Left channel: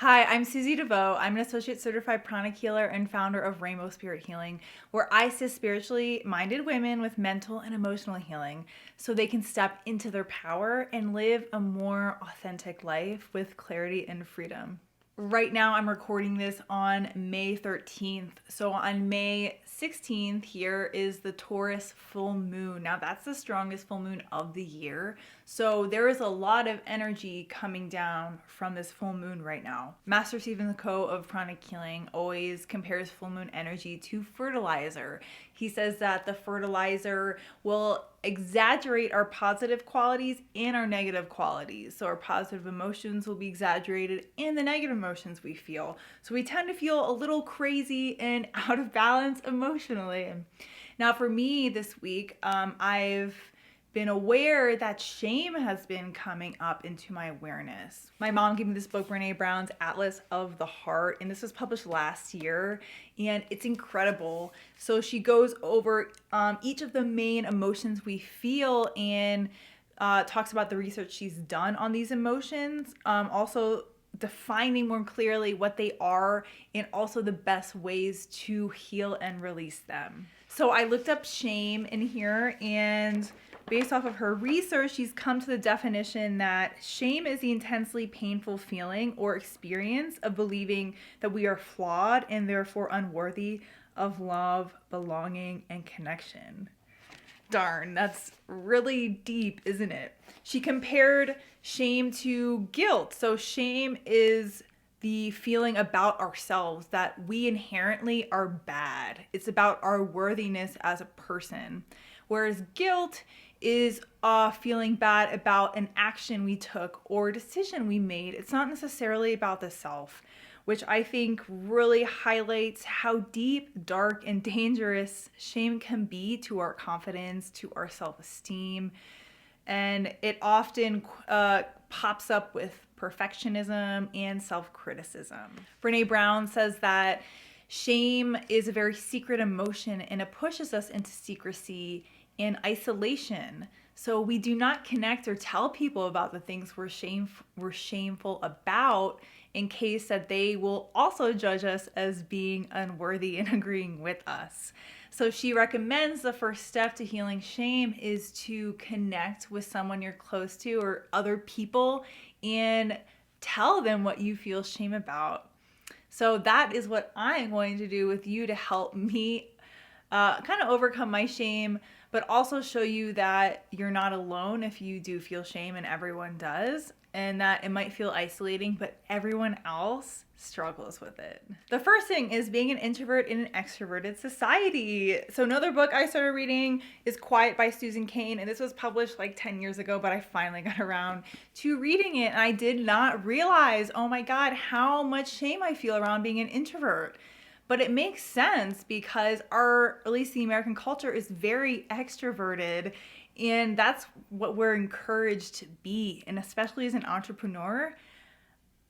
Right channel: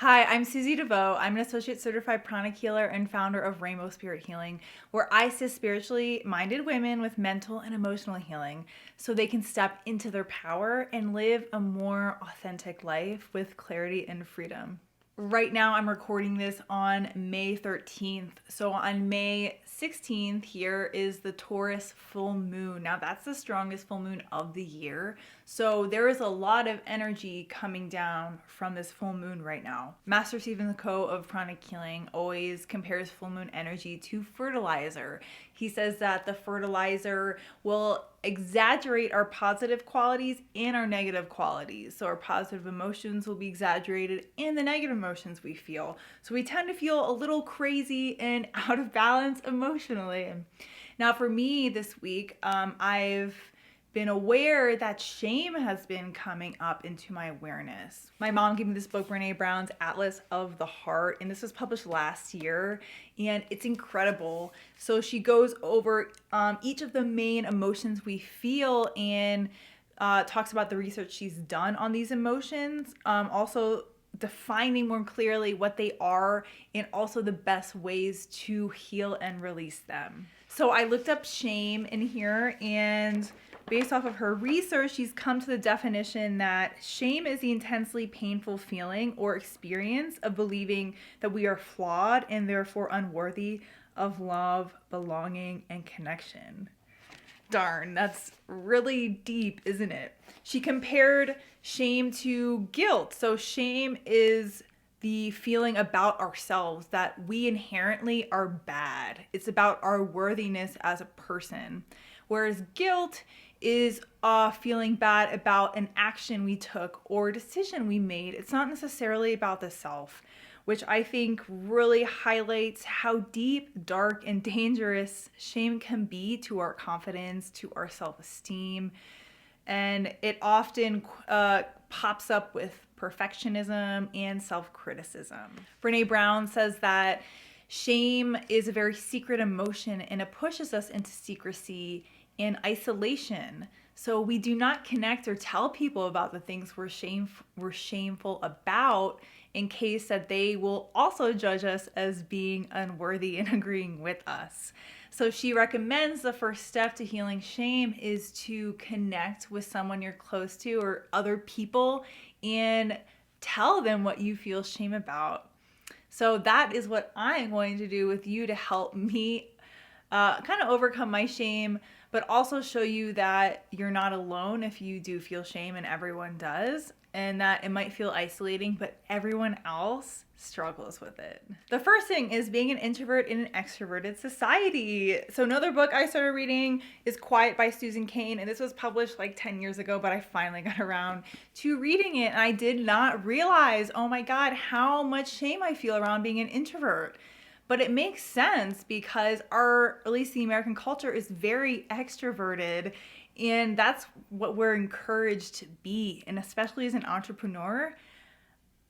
Hi, I'm Suzie DeVoe. I'm an associate certified pranic healer and founder of Rainbow Spirit Healing, where I assist spiritually minded women with mental and emotional healing so they can step into their power and live a more authentic life with clarity and freedom. Right now, I'm recording this on May 13th. So, on May 16th, here is the Taurus full moon. Now, that's the strongest full moon of the year. So, there is a lot of energy coming down from this full moon right now. Master Stephen Coe of Pranic Healing always compares full moon energy to fertilizer. He says that the fertilizer will exaggerate our positive qualities and our negative qualities. So our positive emotions will be exaggerated and the negative emotions we feel. So we tend to feel a little crazy and out of balance emotionally. Now for me this week, I've been aware that shame has been coming up into my awareness. My mom gave me this book, Brene Brown's Atlas of the Heart, and this was published last year, and it's incredible. So she goes over each of the main emotions we feel and talks about the research she's done on these emotions. Also defining more clearly what they are and also the best ways to heal and release them. So I looked up shame in here, and based off of her research, she's come to the definition that shame is the intensely painful feeling or experience of believing that we are flawed and therefore unworthy of love, belonging, and connection. Darn, that's really deep, isn't it? She compared shame to guilt. So shame is the feeling about ourselves that we inherently are bad. It's about our worthiness as a person. Whereas guilt is feeling bad about an action we took or decision we made. It's not necessarily about the self, which I think really highlights how deep, dark, and dangerous shame can be to our confidence, to our self-esteem. And it often pops up with perfectionism and self-criticism. Brene Brown says that shame is a very secret emotion and it pushes us into secrecy and isolation. So we do not connect or tell people about the things we're shameful about in case that they will also judge us as being unworthy and agreeing with us. So she recommends the first step to healing shame is to connect with someone you're close to or other people and tell them what you feel shame about. So that is what I'm going to do with you to help me kind of overcome my shame, but also show you that you're not alone if you do feel shame, and everyone does, and that it might feel isolating, but everyone else struggles with it. The first thing is being an introvert in an extroverted society. So another book I started reading is Quiet by Susan Cain, and this was published like 10 years ago, but I finally got around to reading it, and I did not realize, oh my God, how much shame I feel around being an introvert. But it makes sense because at least the American culture is very extroverted, and that's what we're encouraged to be. And especially as an entrepreneur,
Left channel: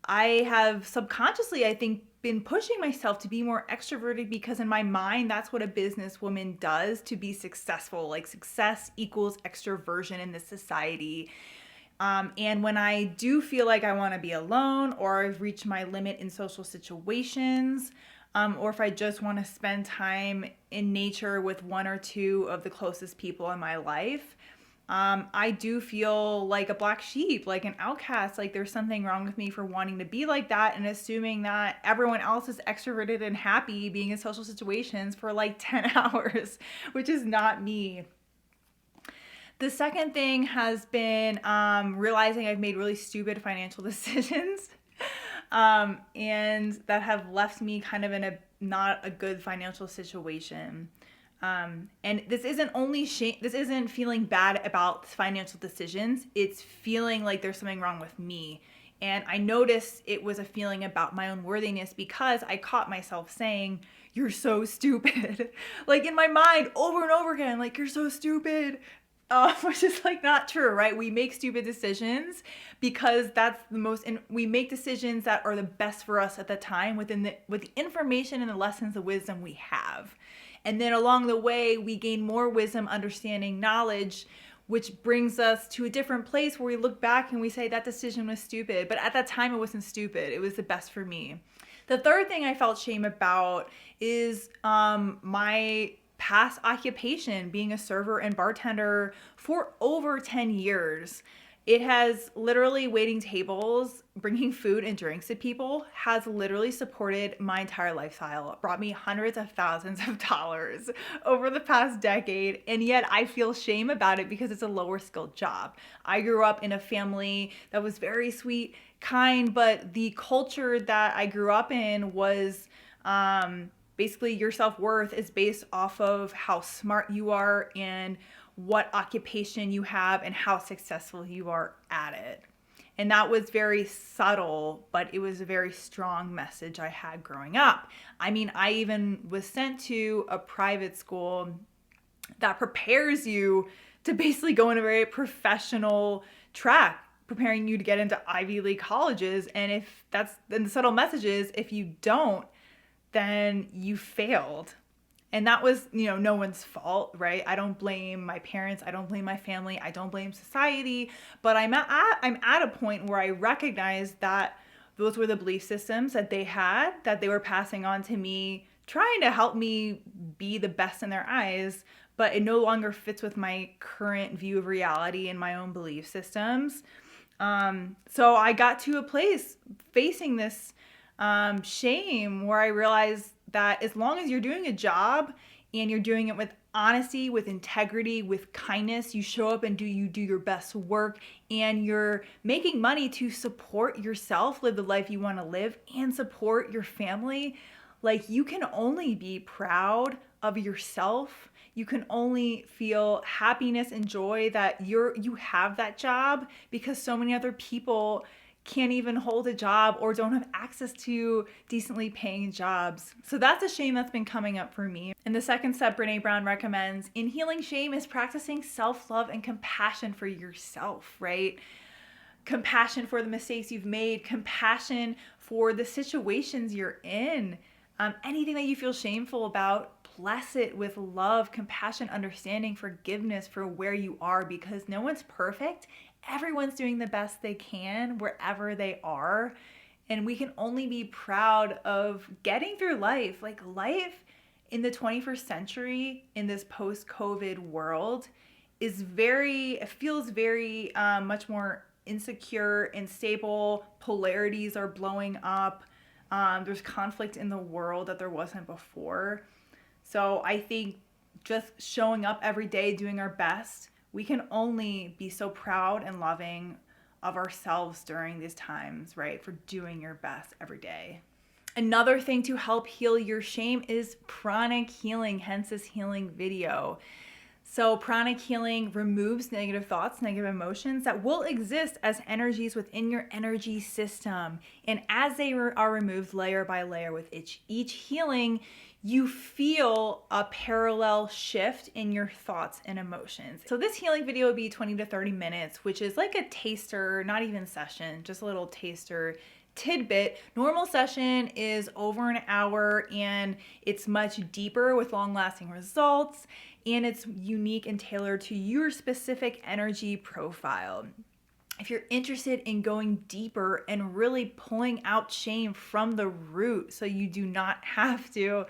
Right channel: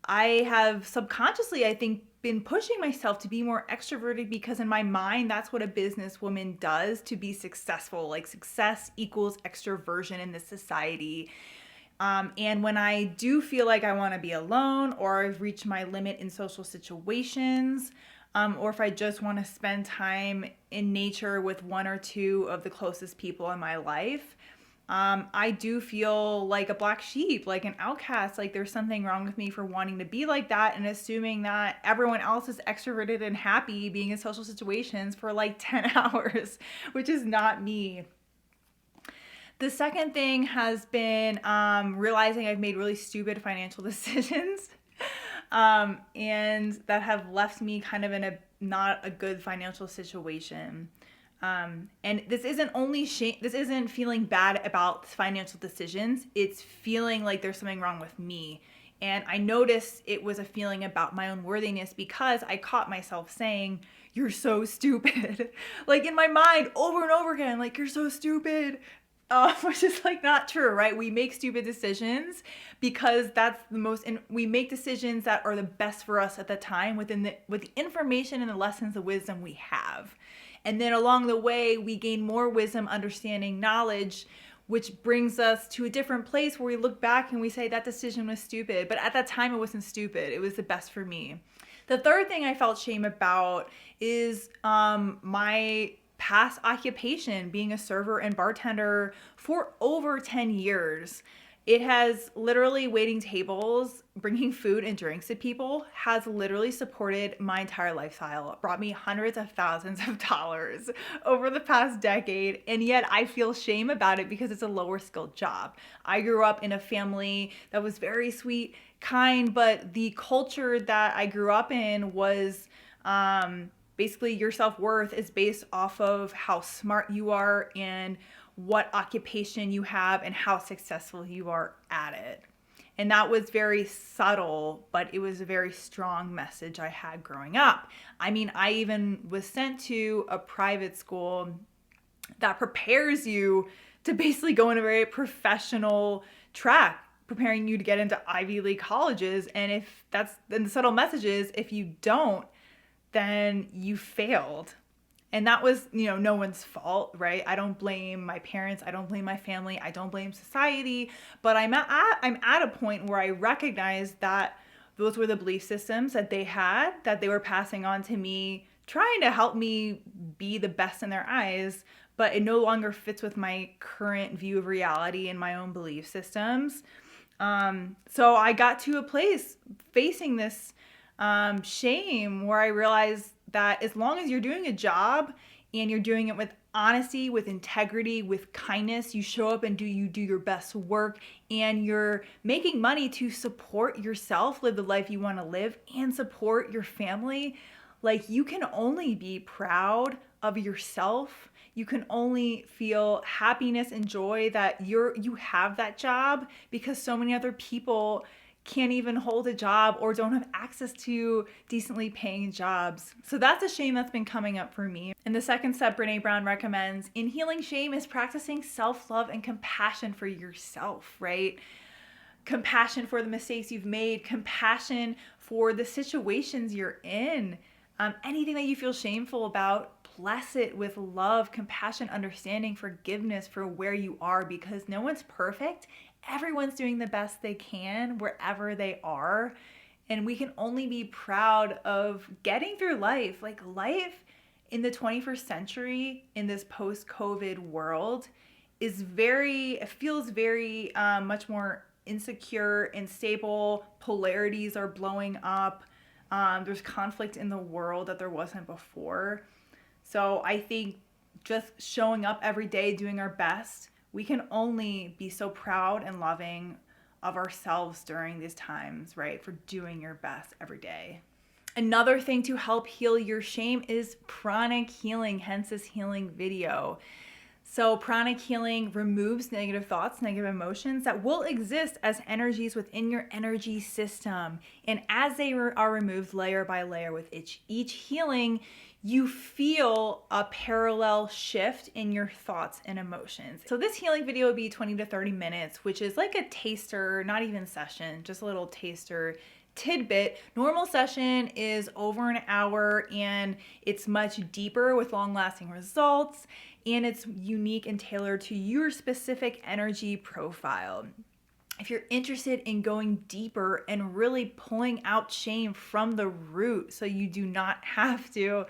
I have subconsciously, I think, been pushing myself to be more extroverted because in my mind, that's what a businesswoman does to be successful. Like success equals extroversion in this society. And when I do feel like I want to be alone or I've reached my limit in social situations, or if I just want to spend time in nature with one or two of the closest people in my life, I do feel like a black sheep, like an outcast, like there's something wrong with me for wanting to be like that and assuming that everyone else is extroverted and happy being in social situations for like 10 hours, which is not me. The second thing has been realizing I've made really stupid financial decisions. And that have left me kind of in a not a good financial situation. And this isn't only shame, this isn't feeling bad about financial decisions, it's feeling like there's something wrong with me. And I noticed it was a feeling about my own worthiness because I caught myself saying, "You're so stupid." Like in my mind over and over again, like, "You're so stupid." Which is like not true, right? We make stupid decisions because that's the most, and we make decisions that are the best for us at the time with the information and the lessons of wisdom we have. And then along the way, we gain more wisdom, understanding, knowledge which brings us to a different place where we look back and we say that decision was stupid. But at that time, it wasn't stupid. It was the best for me. The third thing I felt shame about is my past occupation, being a server and bartender for over 10 years. It has literally waiting tables, bringing food and drinks to people, has literally supported my entire lifestyle. It brought me hundreds of thousands of dollars over the past decade, and yet I feel shame about it because it's a lower skilled job. I grew up in a family that was very sweet, kind, but the culture that I grew up in was basically your self-worth is based off of how smart you are and what occupation you have and how successful you are at it. And that was very subtle, but it was a very strong message I had growing up. I mean, I even was sent to a private school that prepares you to basically go in a very professional track, preparing you to get into Ivy League colleges. And then the subtle message is, if you don't, then you failed. And that was, no one's fault, right? I don't blame my parents. I don't blame my family. I don't blame society. But I'm at a point where I recognize that those were the belief systems that they had, that they were passing on to me, trying to help me be the best in their eyes. But it no longer fits with my current view of reality and my own belief systems. So I got to a place facing this shame where I realized that as long as you're doing a job and you're doing it with honesty, with integrity, with kindness, you show up and you do your best work, and you're making money to support yourself, live the life you want to live, and support your family, like, you can only be proud of yourself. You can only feel happiness and joy that you have that job, because so many other people can't even hold a job or don't have access to decently paying jobs. So that's a shame that's been coming up for me. And the second step Brené Brown recommends in healing shame is practicing self-love and compassion for yourself, right? Compassion for the mistakes you've made, compassion for the situations you're in. Anything that you feel shameful about, bless it with love, compassion, understanding, forgiveness for where you are, because no one's perfect. Everyone's doing the best they can wherever they are. And we can only be proud of getting through life. Like, life in the 21st century, in this post-COVID world, it feels very much more insecure and stable. Polarities are blowing up. There's conflict in the world that there wasn't before. So I think just showing up every day, doing our best, we can only be so proud and loving of ourselves during these times, right? For doing your best every day. Another thing to help heal your shame is pranic healing, hence this healing video. So pranic healing removes negative thoughts, negative emotions that will exist as energies within your energy system. And as they are removed layer by layer with each healing, you feel a parallel shift in your thoughts and emotions. So this healing video would be 20 to 30 minutes, which is like a taster, not even session, just a little taster tidbit. Normal session is over an hour, and it's much deeper with long-lasting results, and it's unique and tailored to your specific energy profile. If you're interested in going deeper and really pulling out shame from the root so you do not have to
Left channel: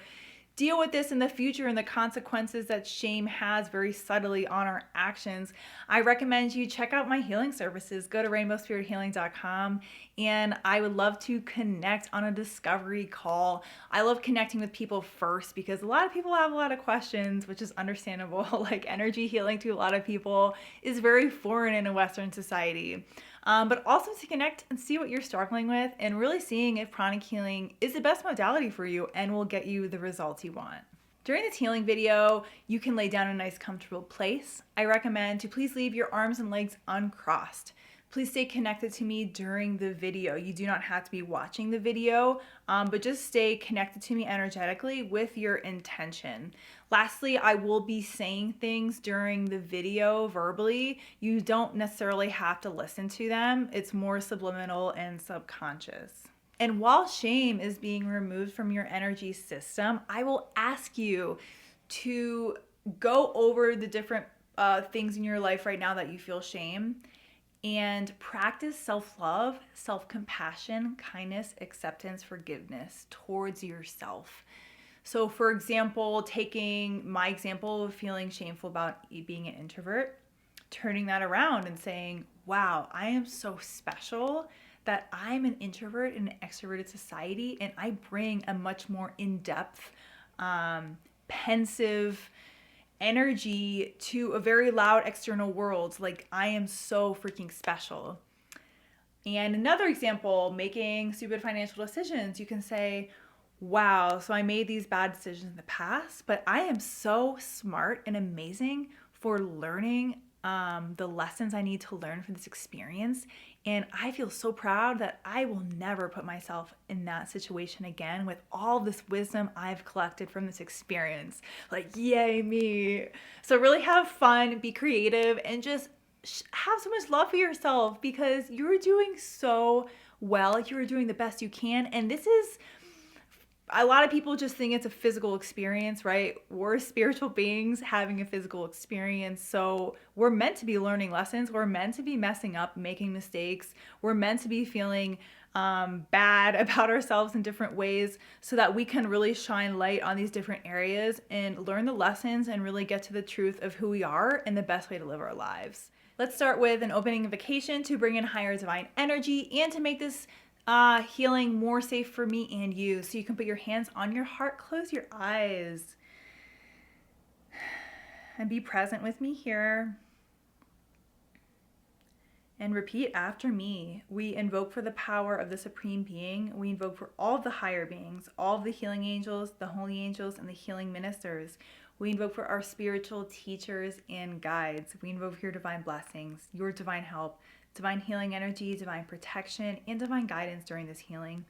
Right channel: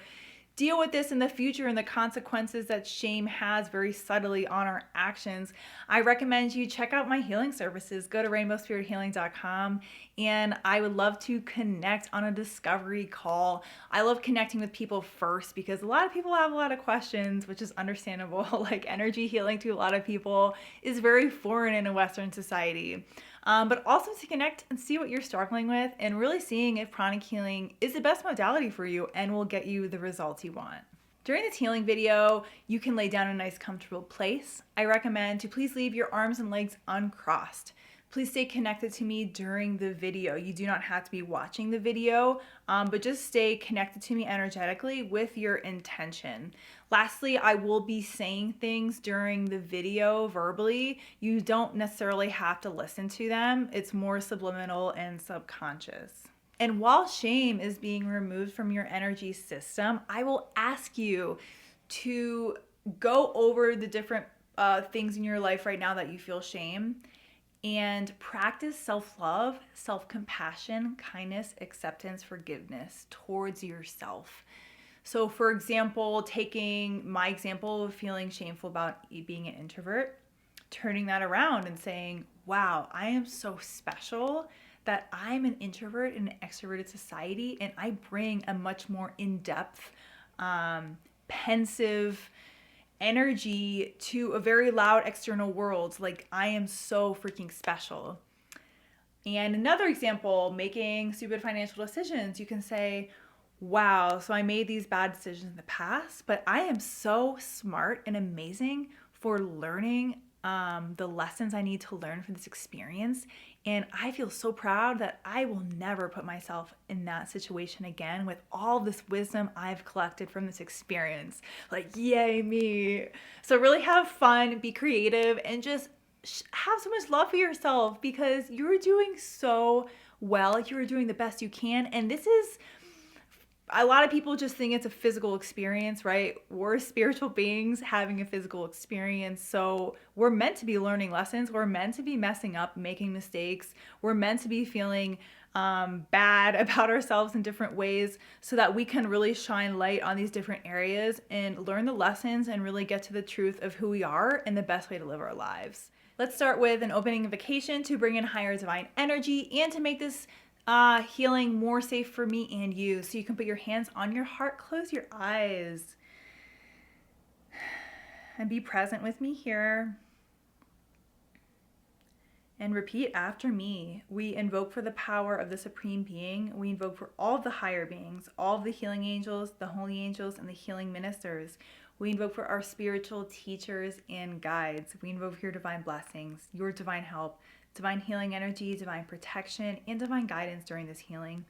deal with this in the future and the consequences that shame has very subtly on our actions, I recommend you check out my healing services. Go to rainbowspirithealing.com, and I would love to connect on a discovery call. I love connecting with people first because a lot of people have a lot of questions, which is understandable. Like, energy healing to a lot of people is very foreign in a Western society. But also to connect and see what you're struggling with, and really seeing if pranic healing is the best modality for you and will get you the results you want. During this healing video, you can lay down in a nice comfortable place. I recommend to please leave your arms and legs uncrossed. Please stay connected to me during the video. You do not have to be watching the video, but just stay connected to me energetically with your intention. Lastly, I will be saying things during the video verbally. You don't necessarily have to listen to them. It's more subliminal and subconscious. And while shame is being removed from your energy system, I will ask you to go over the different things in your life right now that you feel shame, and practice self-love, self-compassion, kindness, acceptance, forgiveness towards yourself. So for example, taking my example of feeling shameful about being an introvert, turning that around and saying, wow, I am so special that I'm an introvert in an extroverted society, and I bring a much more in-depth, pensive energy to a very loud external world. Like, I am so freaking special. And another example, making stupid financial decisions. You can say, wow, so I made these bad decisions in the past, but I am so smart and amazing for learning the lessons I need to learn from this experience. And I feel so proud that I will never put myself in that situation again with all this wisdom I've collected from this experience. Like, yay, me. So really have fun, be creative, and just have so much love for yourself, because you're doing so well. You're doing the best you can. And this is, a lot of people just think it's a physical experience, right? We're spiritual beings having a physical experience. So we're meant to be learning lessons. We're meant to be messing up, making mistakes. We're meant to be feeling bad about ourselves in different ways, so that we can really shine light on these different areas and learn the lessons and really get to the truth of who we are and the best way to live our lives. Let's start with an opening invocation to bring in higher divine energy and to make this healing more safe for me and you. So you can put your hands on your heart, close your eyes, and be present with me here. And repeat after me. We invoke for the power of the Supreme Being. We invoke for all of the higher beings, all of the healing angels, the holy angels, and the healing ministers. We invoke for our spiritual teachers and guides. We invoke for your divine blessings, your divine help, divine healing energy, divine protection, and divine guidance during this healing.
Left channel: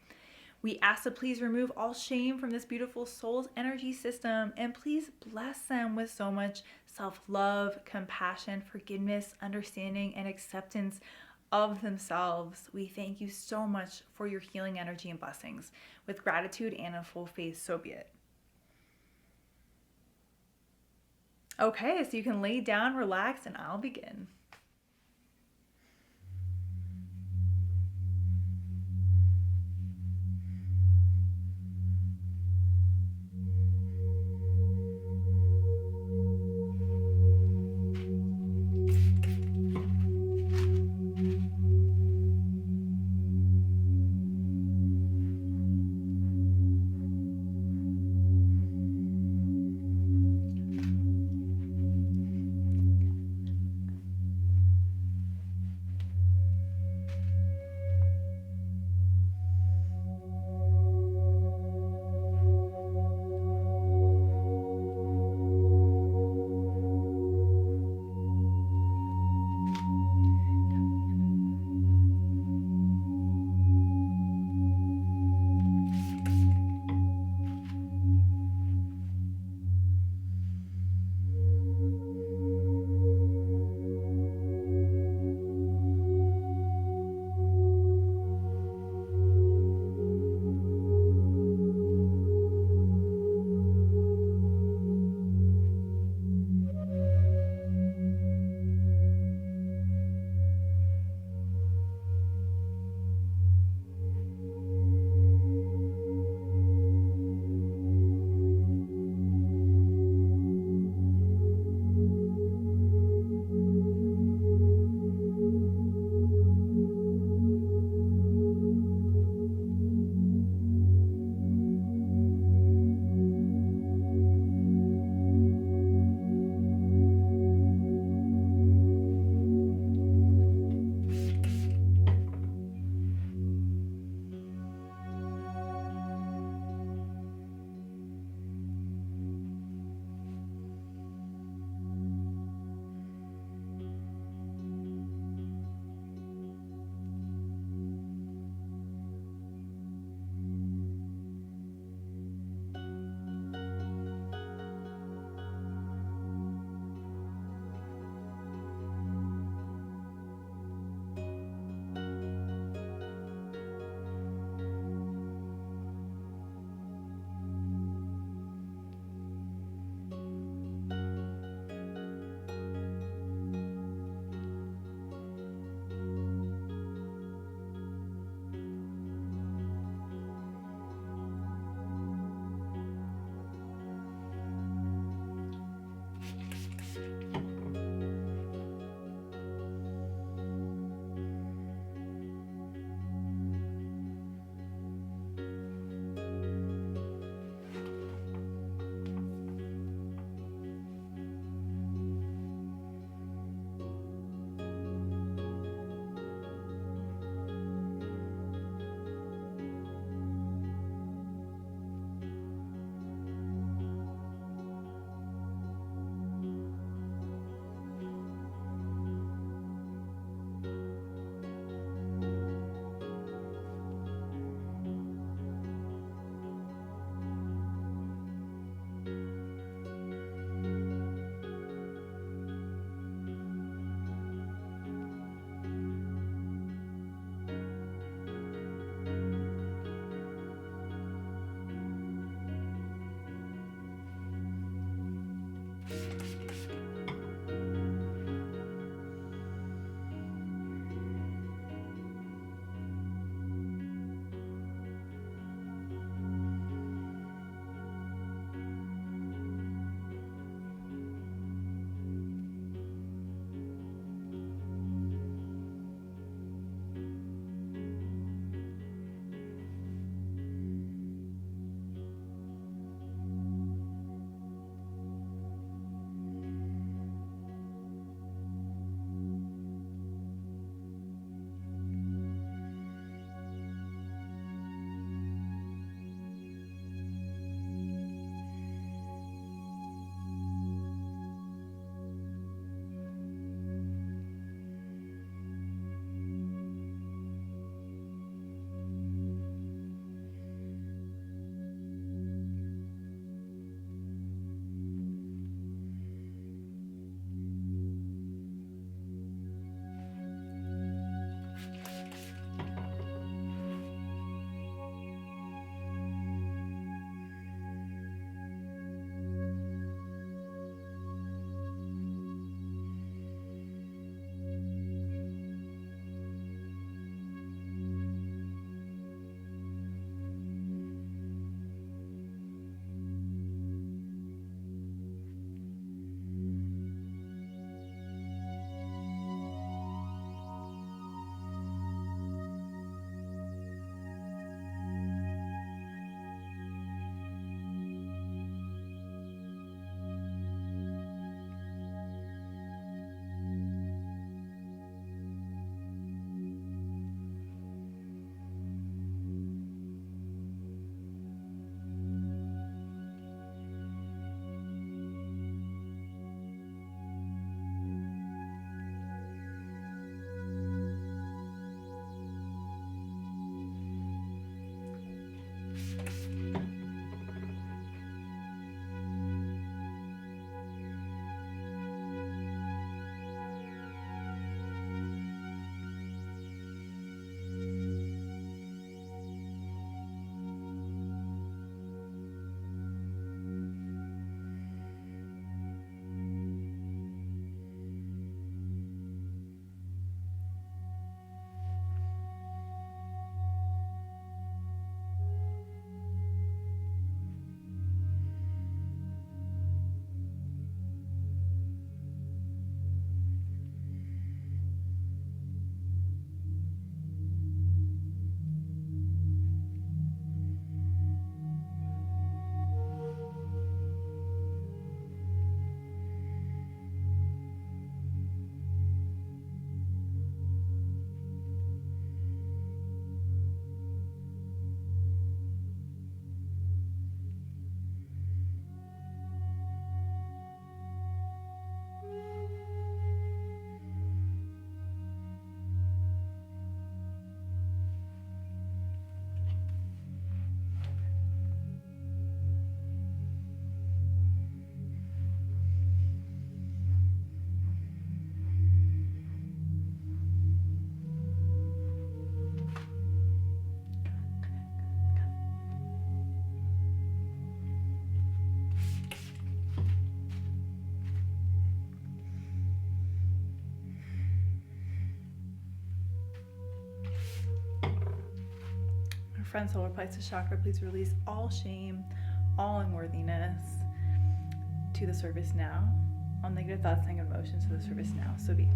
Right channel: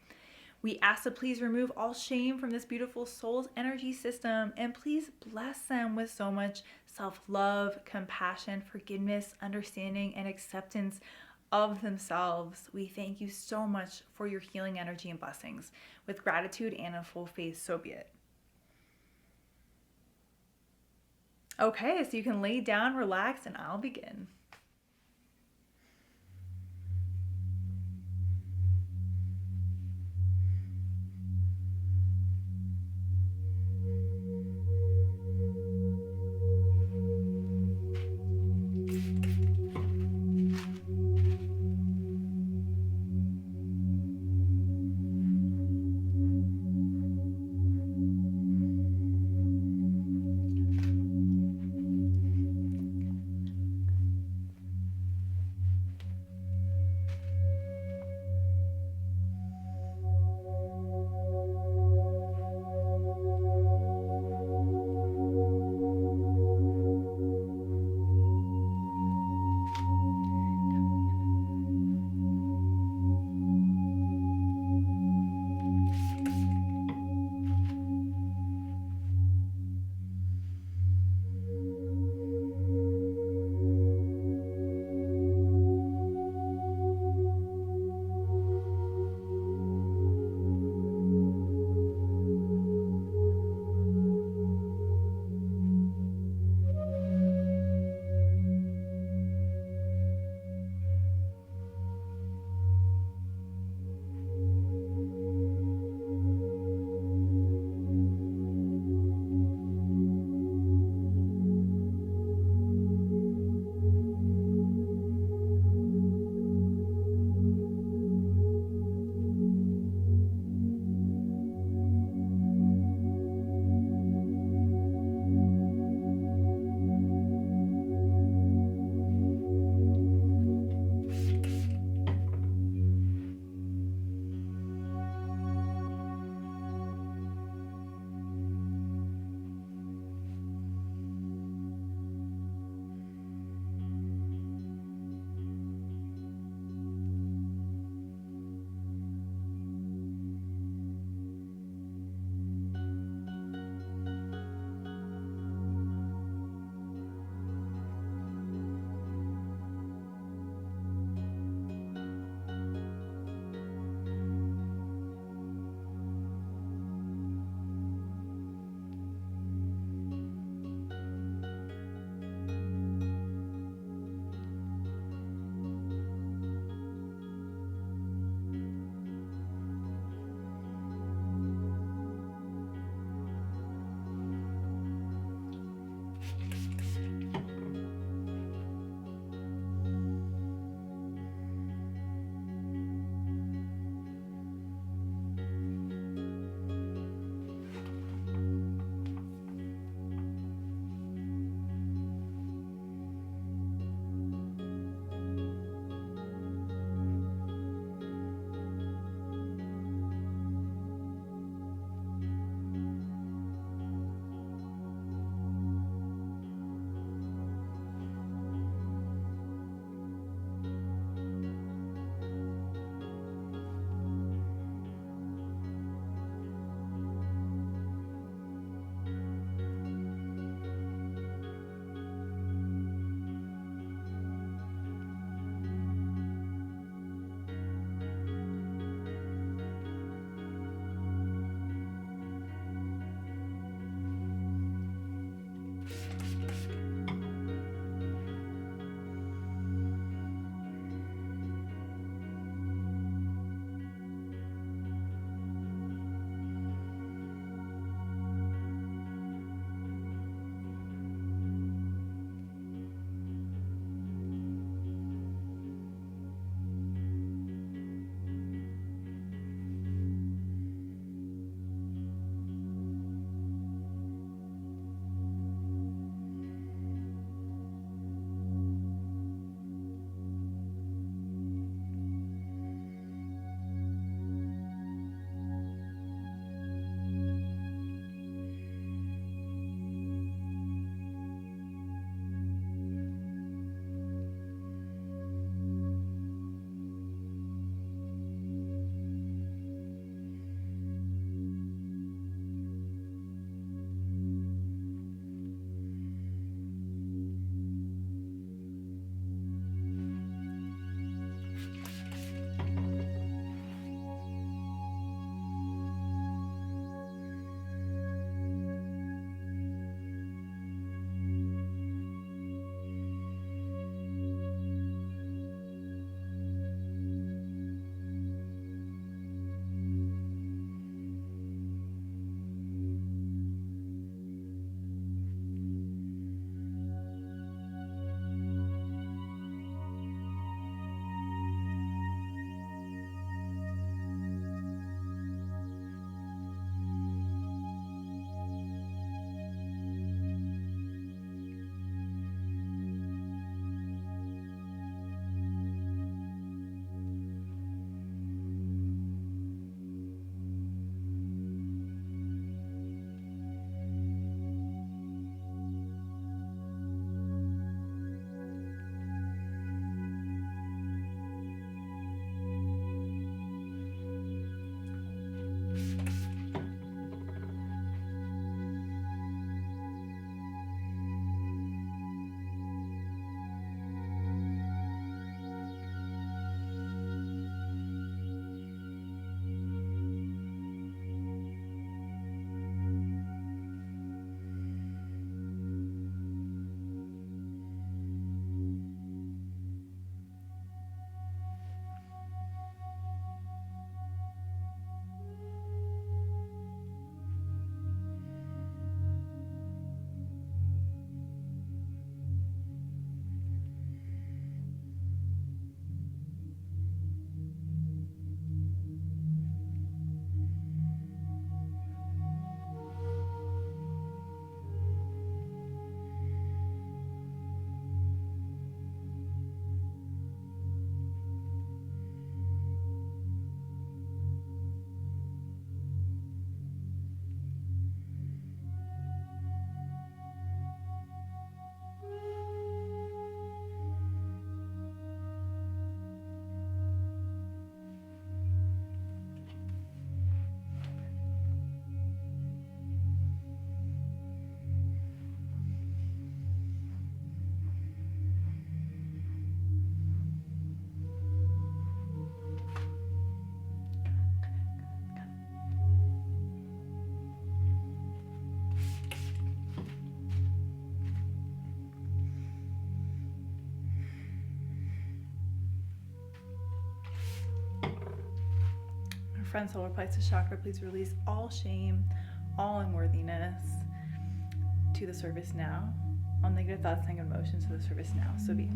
We ask to please remove all shame from this beautiful soul's energy system, and please bless them with so much self-love, compassion, forgiveness, understanding, and acceptance of themselves. We thank you so much for your healing energy and blessings. With gratitude and a full faith, so be it. Okay, so you can lay down, relax, and I'll begin. front solar plexus chakra, please release all shame, all unworthiness to the surface now. All negative thoughts and emotions to the surface now. So be it.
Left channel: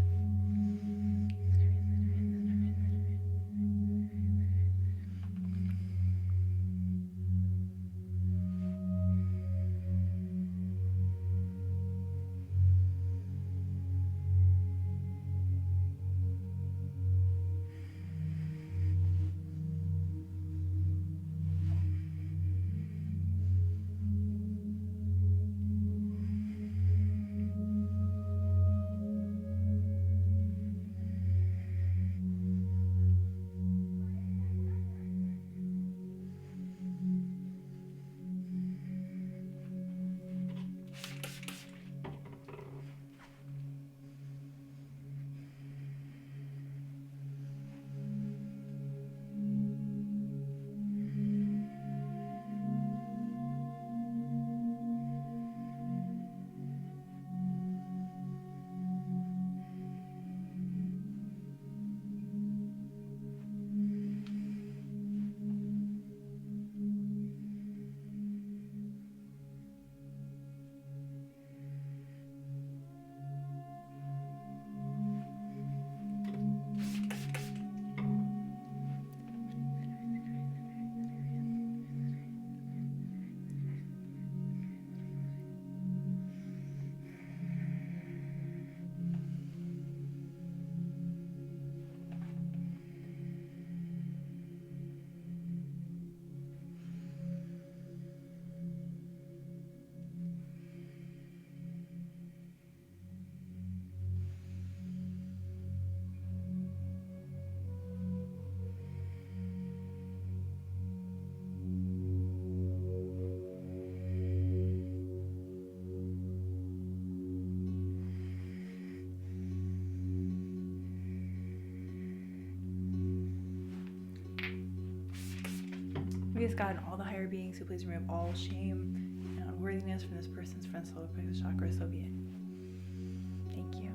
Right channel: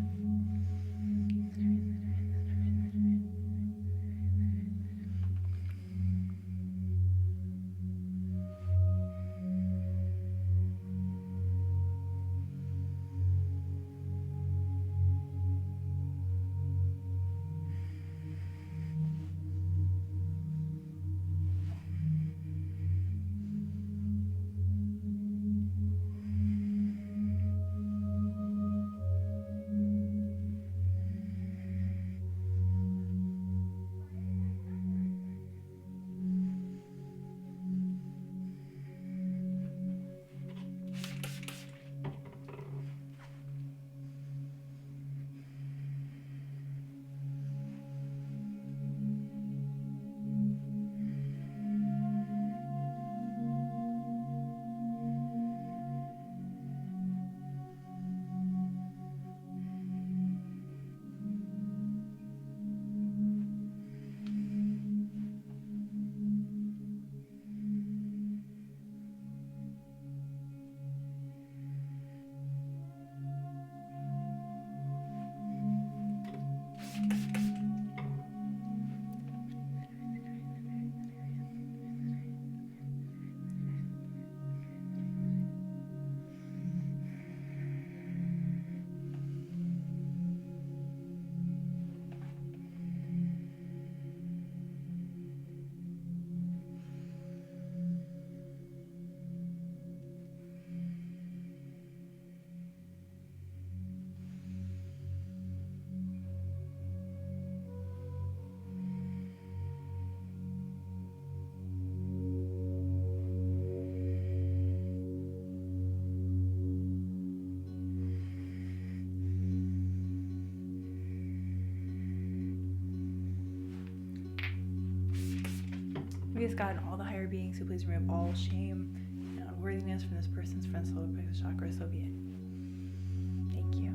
We ask God and all the higher beings to please remove all shame and unworthiness from this person's front solar plexus chakra. So be it. Thank you.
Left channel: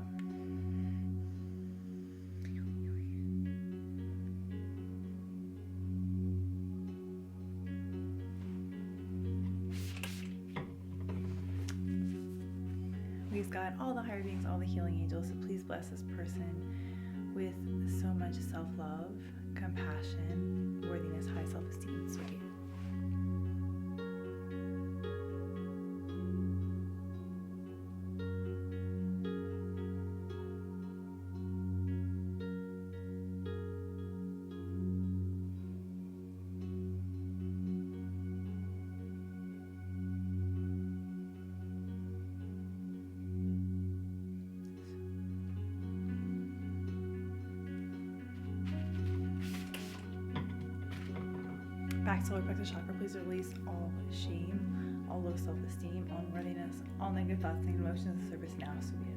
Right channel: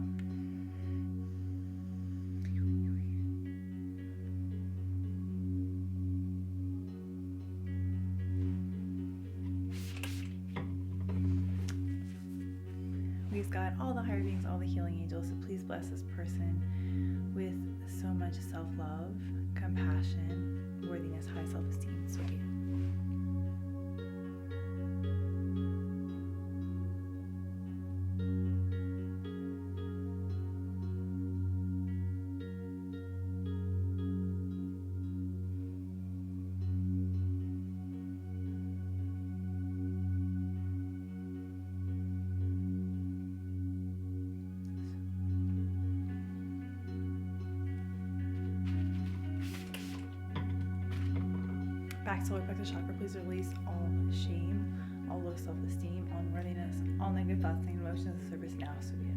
We ask God, all the higher beings, all the healing angels, to please bless this person with so much self-love, compassion, worthiness, high self-esteem. So be it. Back solar plexus chakra, please release all shame, all low self-esteem, all unworthiness, all negative thoughts and emotions to the surface now. So be it.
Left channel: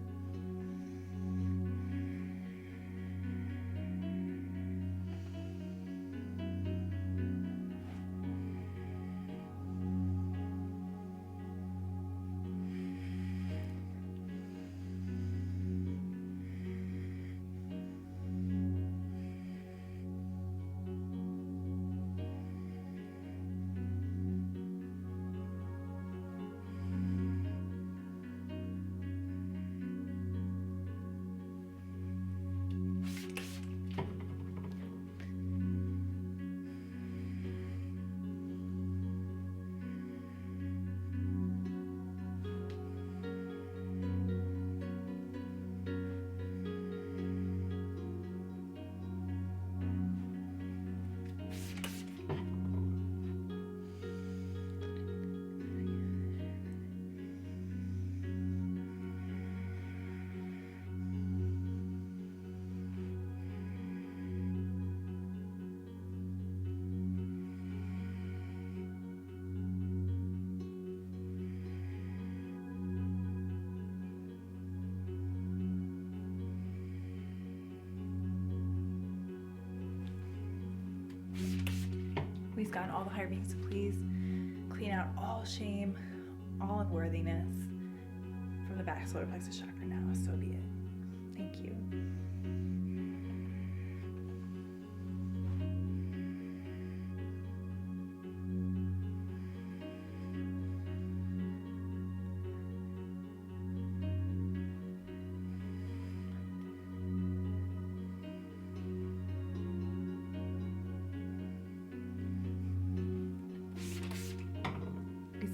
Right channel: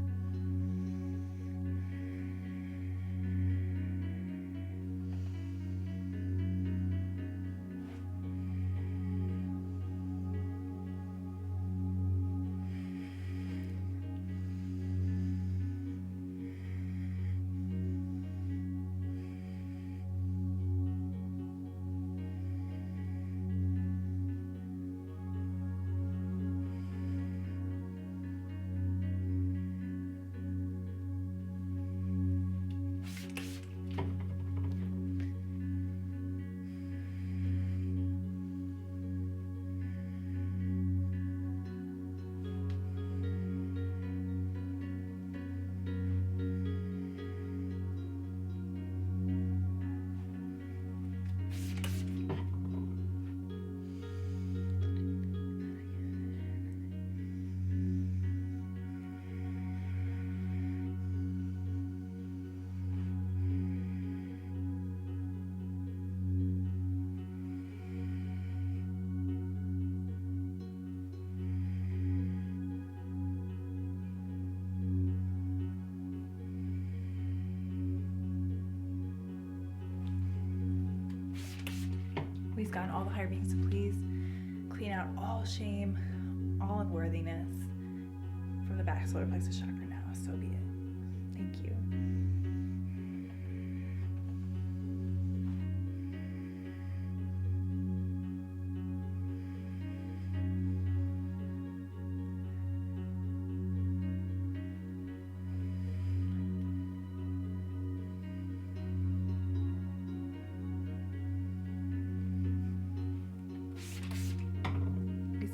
Please God, all the higher beings, to please clean out all shame, all unworthiness from the back solar plexus chakra now. So be it. Thank you.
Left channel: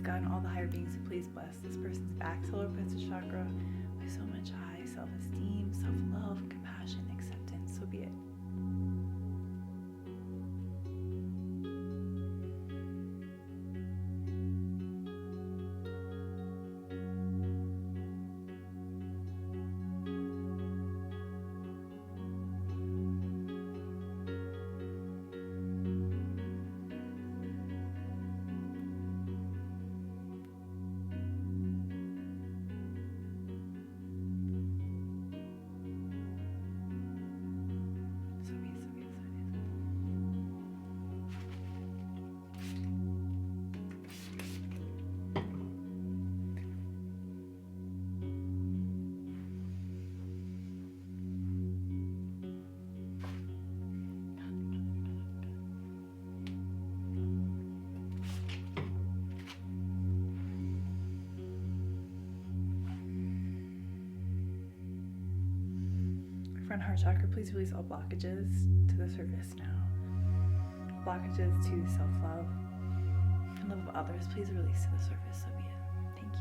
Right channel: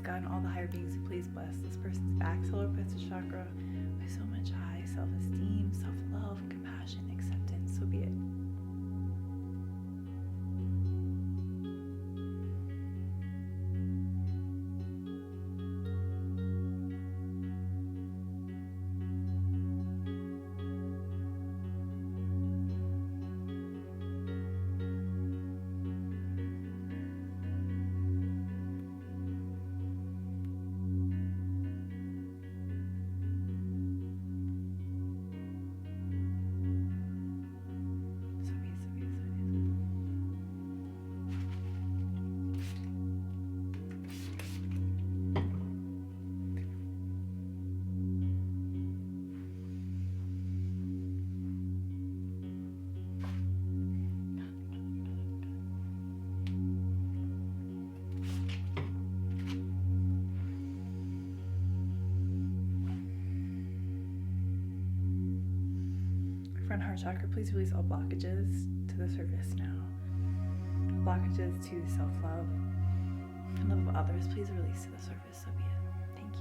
God and all the higher beings, please bless this person's back, solar plexus chakra with so much high self-esteem, self-love, compassion, acceptance. So be it. Front heart chakra, please release all blockages to the surface now. Blockages to self-love and love of others, please release to the surface. So be it. Thank you.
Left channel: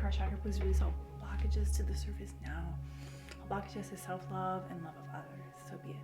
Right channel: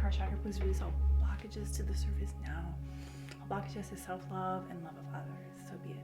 Heart chakra, please release all blockages to the surface now. All blockages to self-love and love of others. So be it.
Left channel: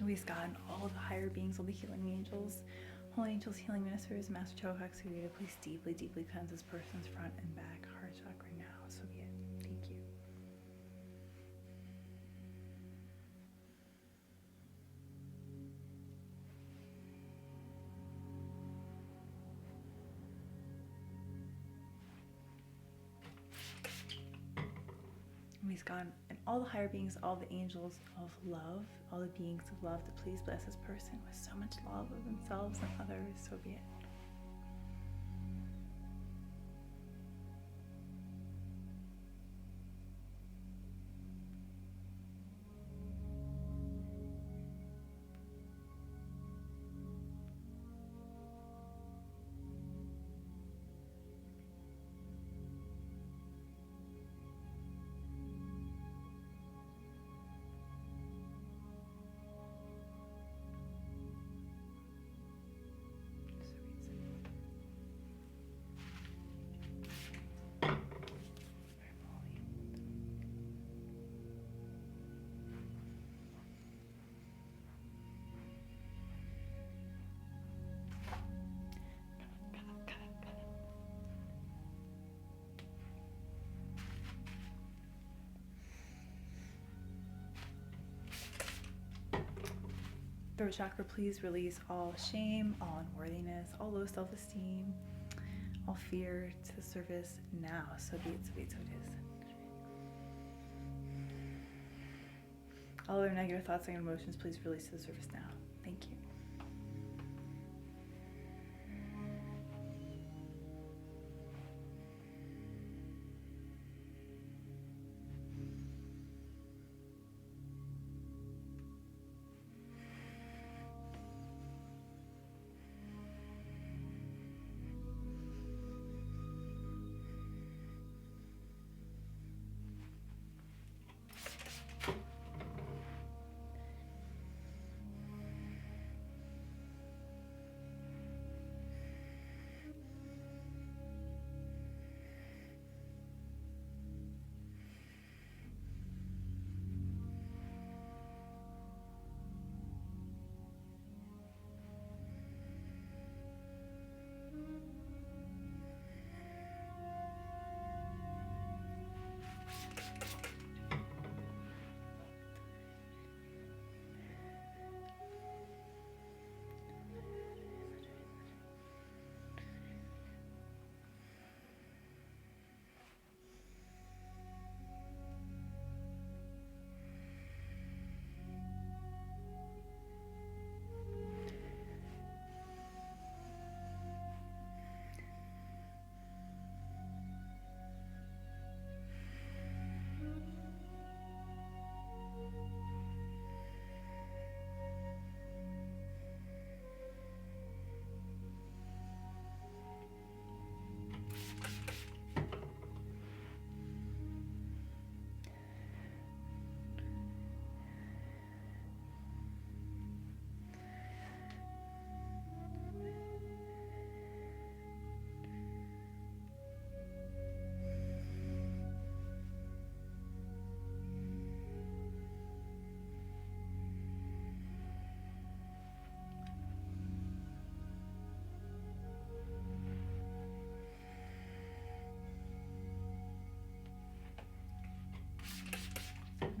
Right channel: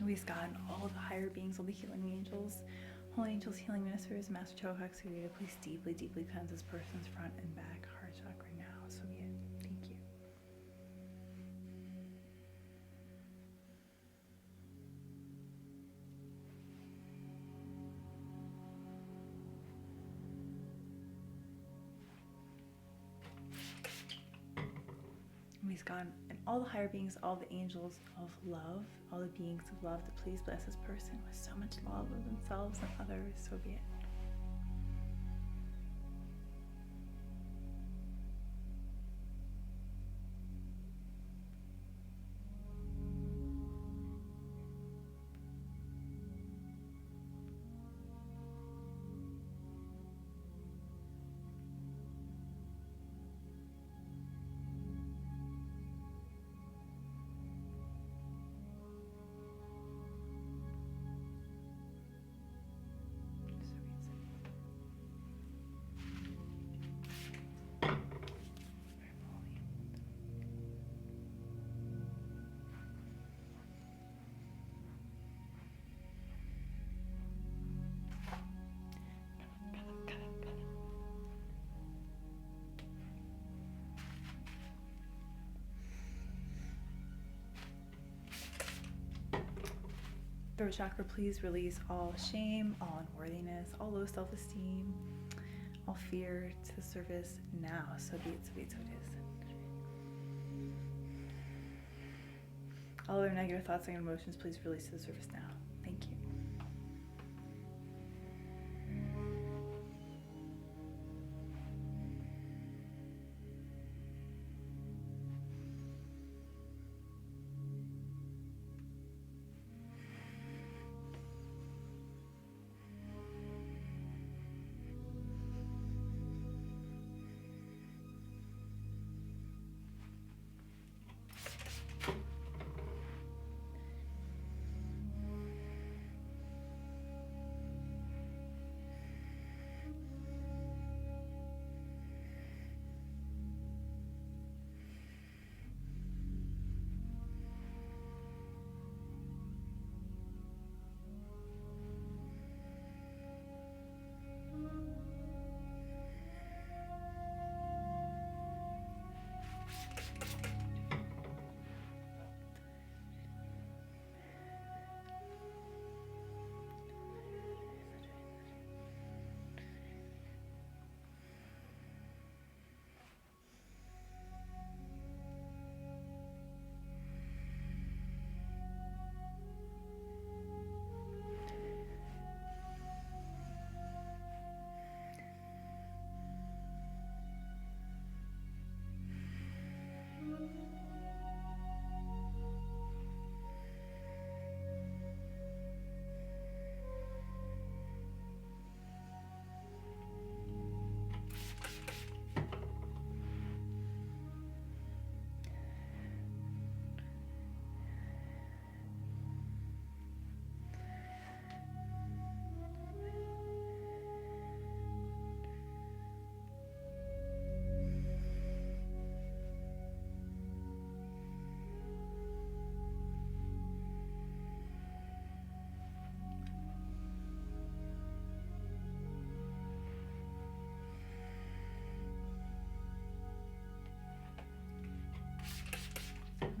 Release God and all the higher beings, all the healing angels, holy angels, healing ministers, Master Chohak Surya, please deeply, deeply cleanse this person's front and back heart chakra now. So be it. Thank you. Release God and all the higher beings, all the angels of love, all the beings of love, to please bless this person with so much love of themselves and others. So be it. Throat chakra, please release all shame, all unworthiness, all low self-esteem, all fear to the surface now. So be it, so be it, so it is. All other negative thoughts and emotions, please release to the surface now. Thank you.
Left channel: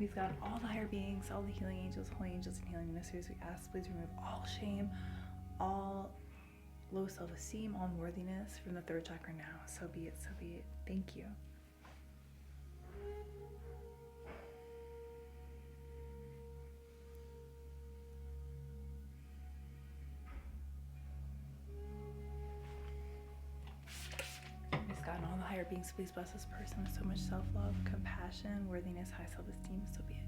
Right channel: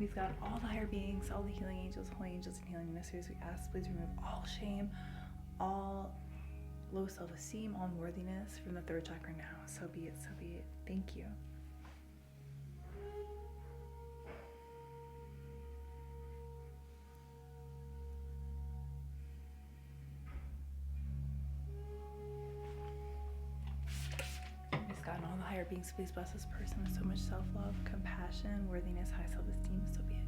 Please God, all the higher beings, all the healing angels, holy angels, and healing ministers, we ask, please remove all shame, all low self-esteem, all unworthiness from the third chakra now. So be it, so be it. Thank you. God and all the higher beings, please bless this person with so much self-love, compassion, worthiness, high self-esteem. So be it.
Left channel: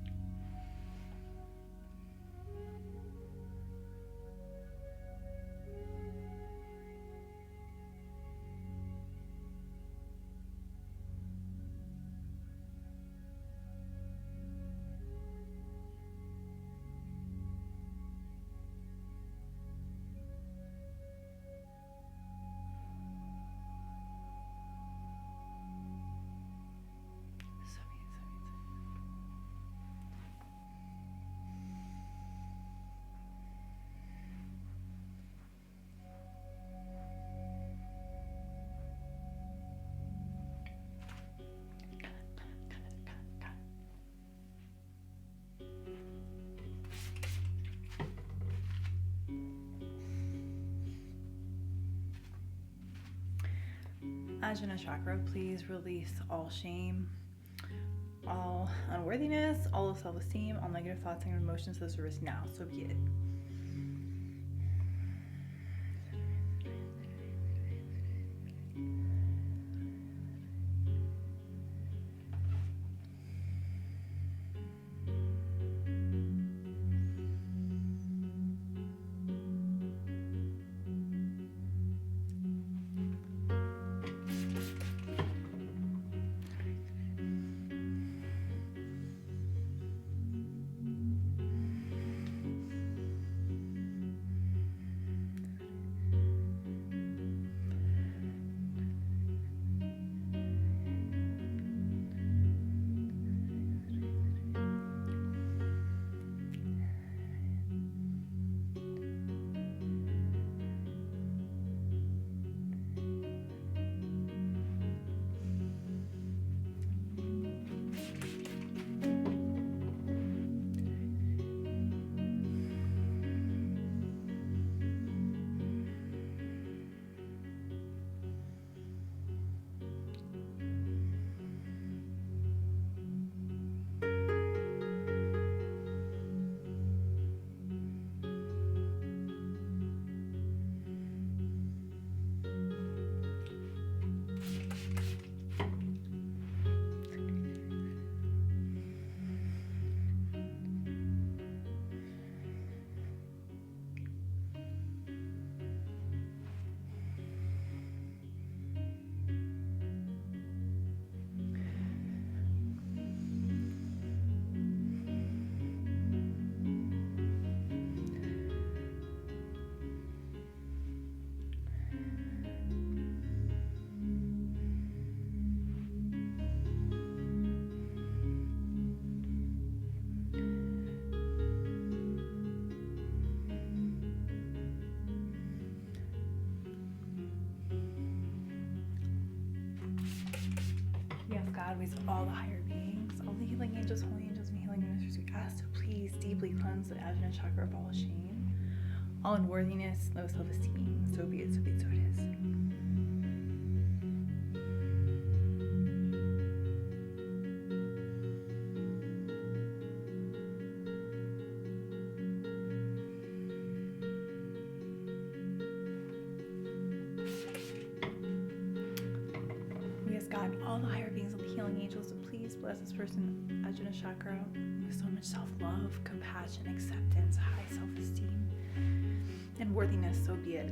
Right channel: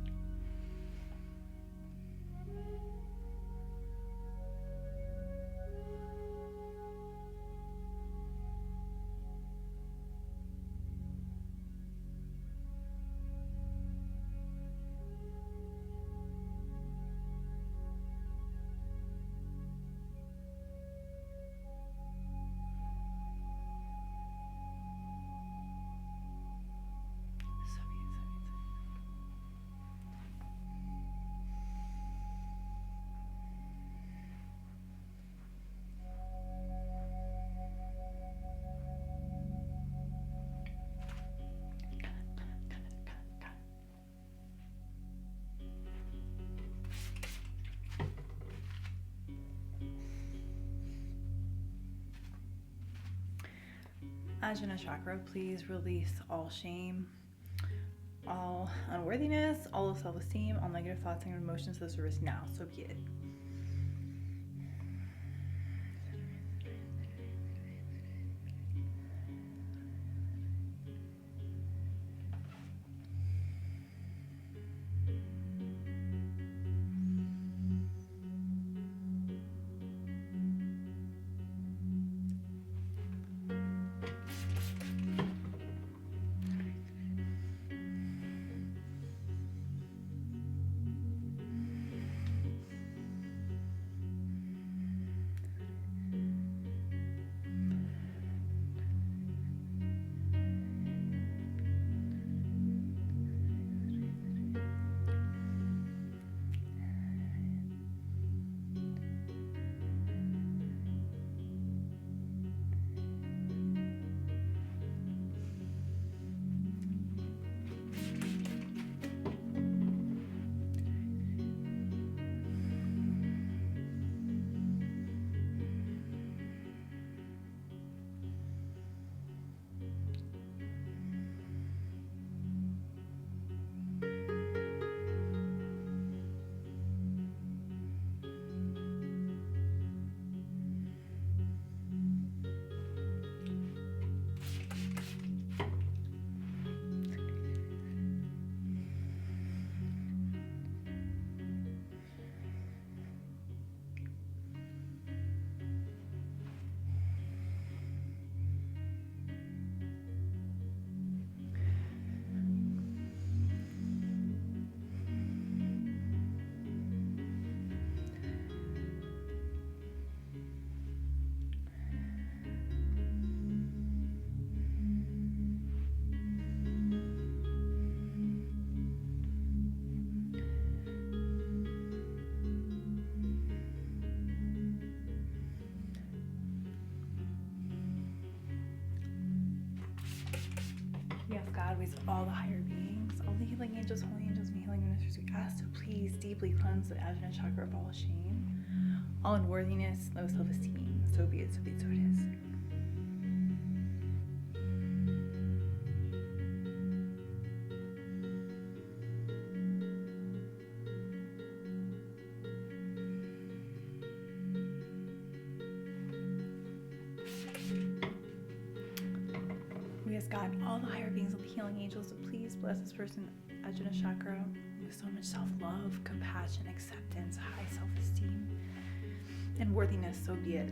Ajna chakra, please release all shame, all unworthiness, all of self-esteem, all negative thoughts and emotions to the service now. So be it. Yes, God, with all the higher beings, all the healing angels, holy angels, and healing ministers, we ask to please deeply cleanse the Ajna chakra of all shame, all unworthiness, low self-esteem. So be it, so be it, so it is. We ask God, all the higher beings, all the healing angels, to please bless this person, Ajna chakra, with so much self-love, compassion, acceptance, high self-esteem, and worthiness. So be it.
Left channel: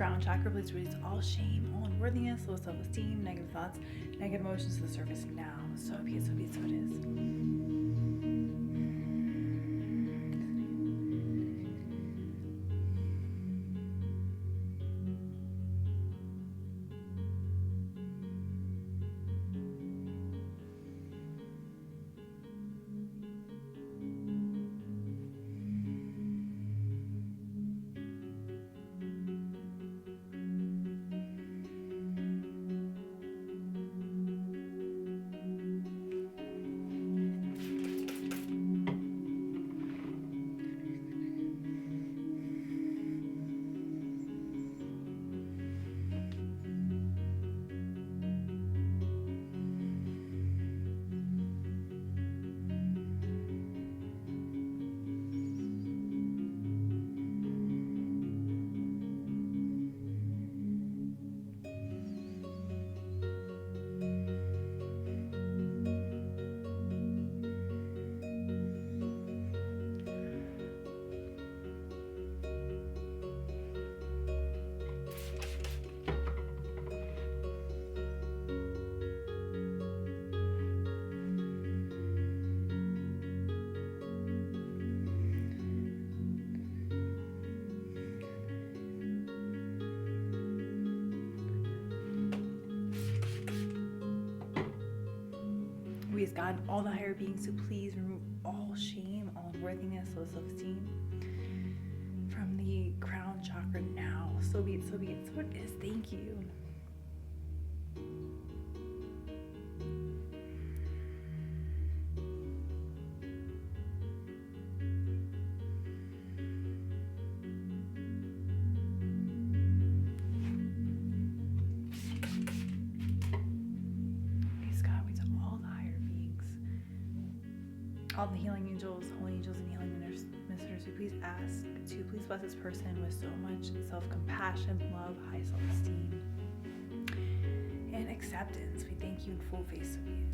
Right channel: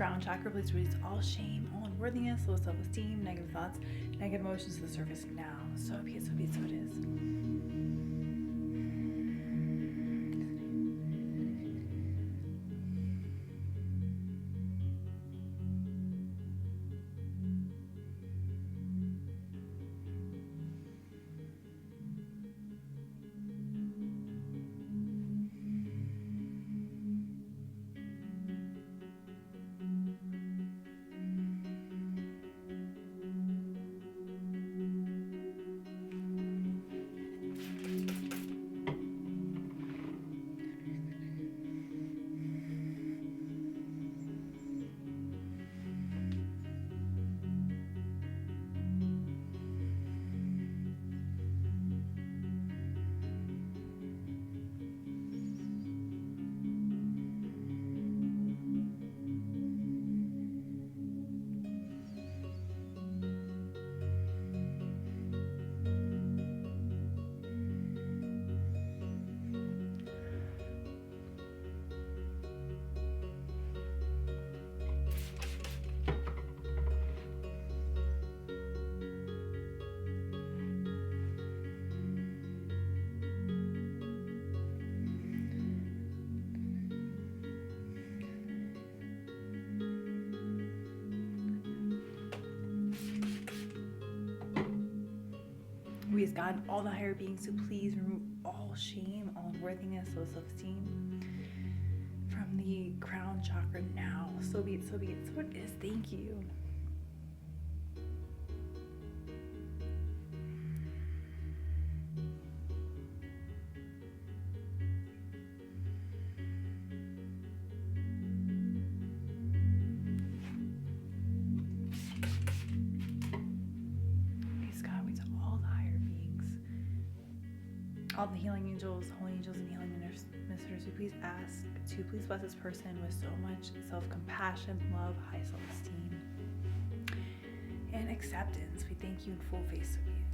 crown chakra, please release all shame, all unworthiness, low self-esteem, negative thoughts, negative emotions to the surface now. So be it, so be it, so it is. We as God, all the higher beings, to please remove all shame, all unworthiness, low self-esteem from the crown chakra now. So be it, so be it, so it is. Thank you. All the healing angels, holy angels, and healing ministers, we please ask to please bless this person with so much self-compassion, love, high self-esteem, and acceptance. We thank you in full face of you.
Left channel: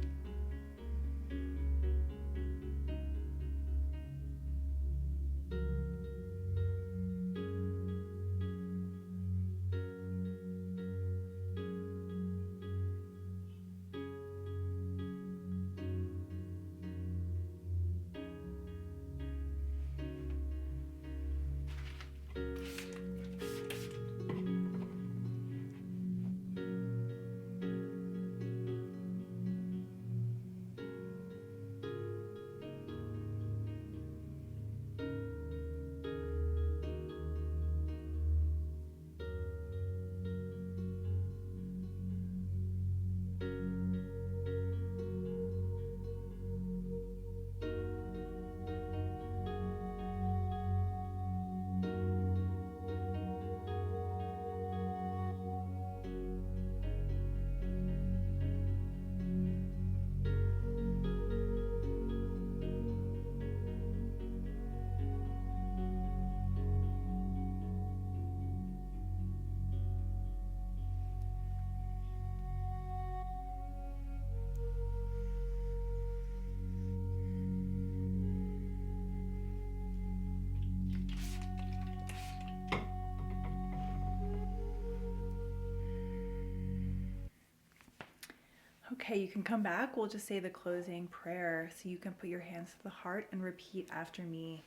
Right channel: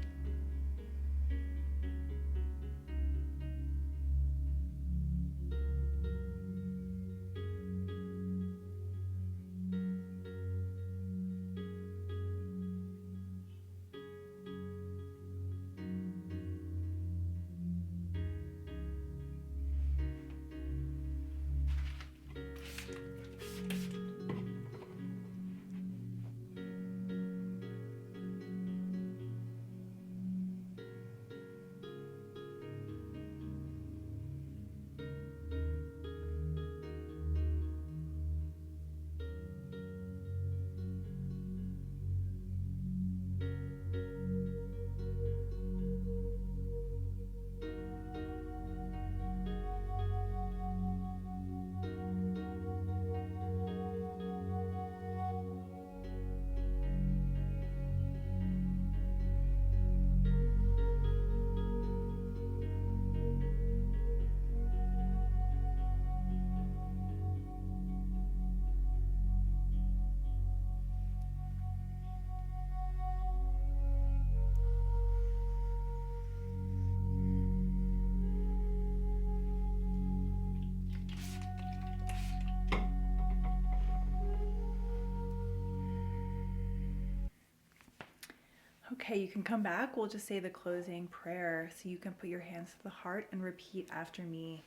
Okay, you can come back. We'll just say the closing prayer. So you can put your hands to the heart and repeat after me.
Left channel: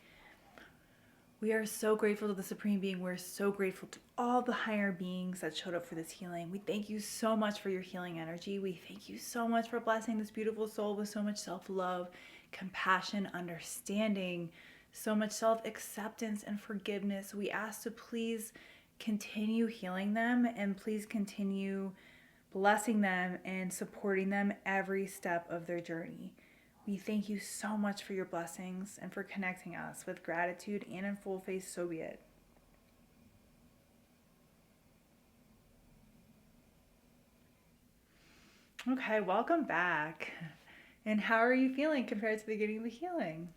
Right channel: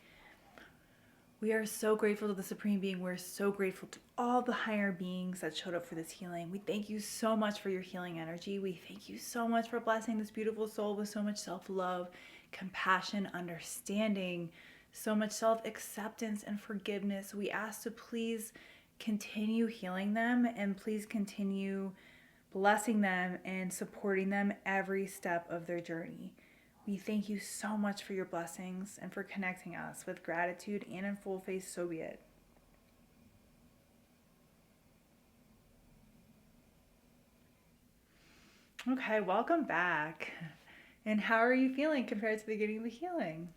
We are so grateful to the Supreme Being. We're so grateful to all the higher beings that showed up for this healing. We thank you so much for your healing energy. We thank you so much for blessing this beautiful soul with so much self-love, compassion, understanding, so much self-acceptance and forgiveness. We ask to please continue healing them and please continue blessing them and supporting them every step of their journey. We thank you so much for your blessings and for connecting us with gratitude and in full face, so be it. Okay, welcome back. And how are you feeling compared to the beginning of the healing?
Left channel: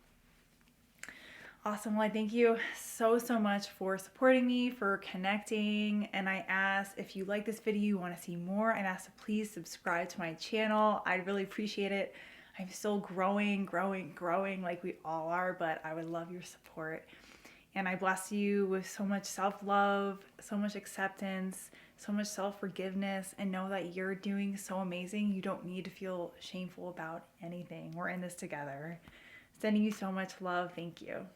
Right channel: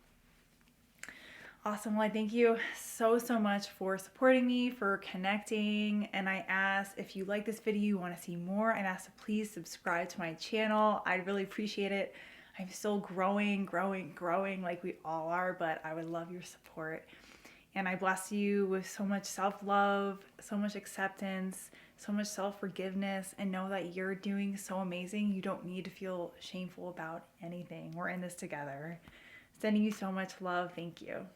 Awesome. Well, I thank you so much for supporting me, for connecting. And I ask if you like this video, you want to see more, I'd ask to please subscribe to my channel. I'd really appreciate it. I'm still growing like we all are, but I would love your support. And I bless you with so much self-love, so much acceptance, so much self-forgiveness, and know that you're doing so amazing. You don't need to feel shameful about anything. We're in this together. Sending you so much love. Thank you.